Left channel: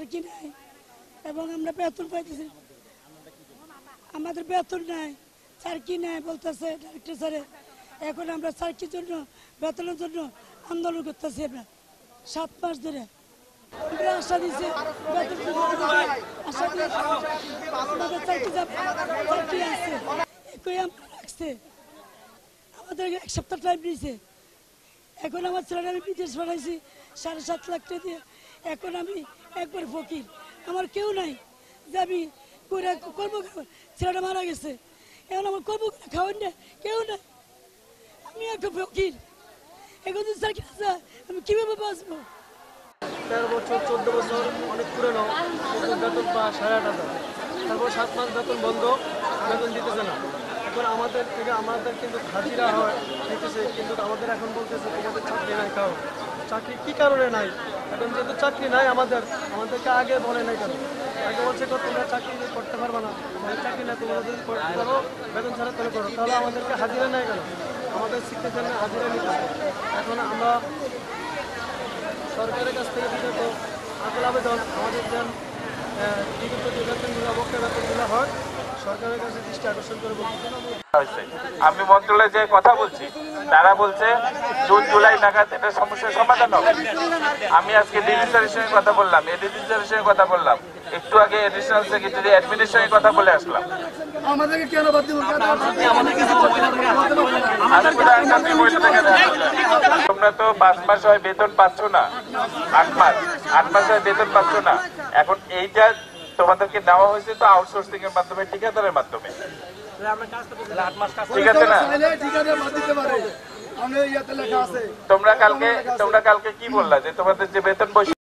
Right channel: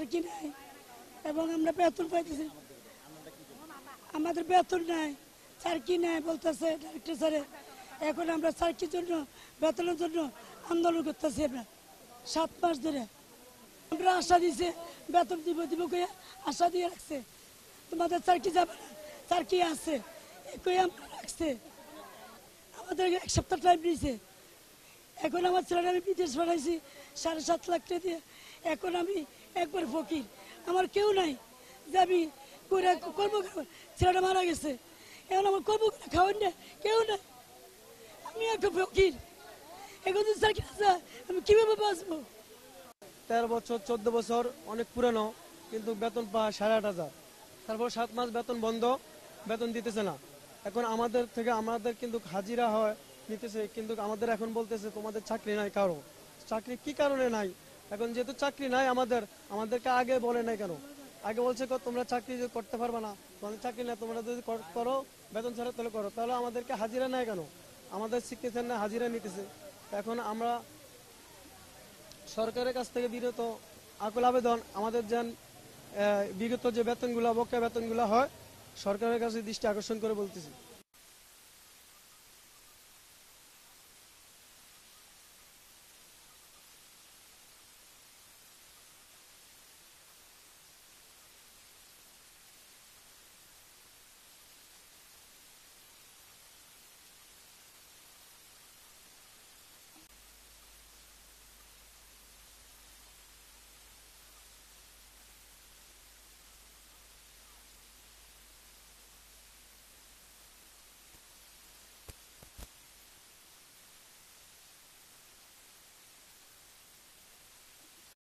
সার্কি নাই এবং আমরা বেতন পাইতেছি, আমাদের বেতন নাই, সার্কি নাই বলতেছে ডাইরেক্টর স্যারে। এখন আমরা সার্কির জন্য বেতনের জন্য আন্দোলন করতেছি। আমরা 7 মাস ধরে আমরা আশা দিয়েছি বেতন দিব আশা দিয়ে আমাদের সার্কি যাবে, সার্কি আছে একই আমরা রাখছে, আমাদের 1 সপ্তাহ টাইম দিয়েছে। এখন আমার ছেলেটা আমি বিদেশ পাঠাইছি 7.5 লাখ টাকা দিয়ে। এখন আমি একবার ফকির, আমার কেউ নাই যে আমি করবো, ছেলেটা মারা গেছে, এখন আমার করবো খাওয়ান না, কেউ নাই, আমি একটা ফকির। এখন যদি সার্কি আছে আমি কিভাবে বাঁচবো? 13 বছর 14 বছর অনেক পুরনো, কিন্তু বেতন পাওয়া 8,500। তারপর 7 মাস বেতন বন্ধ, বেতন দিতেছে না। এখন আমাদের থেকে আমাদের কিন্তু হাজিরা হয় দিতেছে, কিন্তু আমাদের এখন বলতেছে তোমাদের চাকরি নাই। কারণ চাকরি কী কারণে নাই? এখন যেহেতু চাকরি নাই আমাদেরকে আগে বলে নাই কেন? আগে বলছে তোমরা চাকরি করতে পারবে না, চাকরি না, তোমরা যদি করো বেতন ছাড়া তোলে করো, তাহলে আমাদেরকে হাজিরা নেয় কেন? আমাদের শিখতে চাইলে হাজিরা নিতেছে। এখন আমরা সরকারের কাছ থেকে বিগত আকুল আবেদন, আমাদের যেন বিগত যে বেতনগুলো বকেয়া বেতনগুলো হয় সরকারের কাছে দৃষ্টি আকর্ষণ করে বলতে। আমি মন্ত্রণালয়ে যে কথা বলছি, তারা বলছে জুন জুলাই নাগাদ এটা সমস্যার সমাধান হবে। আমি আজকে ডিজি স্যারের সঙ্গে কথা বললাম, এডিজি স্যারের সঙ্গে কথা বললাম, একটু আগে এডিশনাল সেক্রেটারি অ্যাডমিনের সঙ্গে কথা বলে আসলাম। তোমরা তো 5 মাস হয় বেতন পাচ্ছ না, 8 মাস হয় বেতন পাচ্ছ না। এখন এইটা তোমাদেরকে দেওয়া হয়েছে তো আউটসোর্সিং এর মাধ্যমে, ঠিকাদারের মাধ্যমে, ঠিক আছে না? তোমরা কালকে কি বললা যে তোমাদের যে বেতন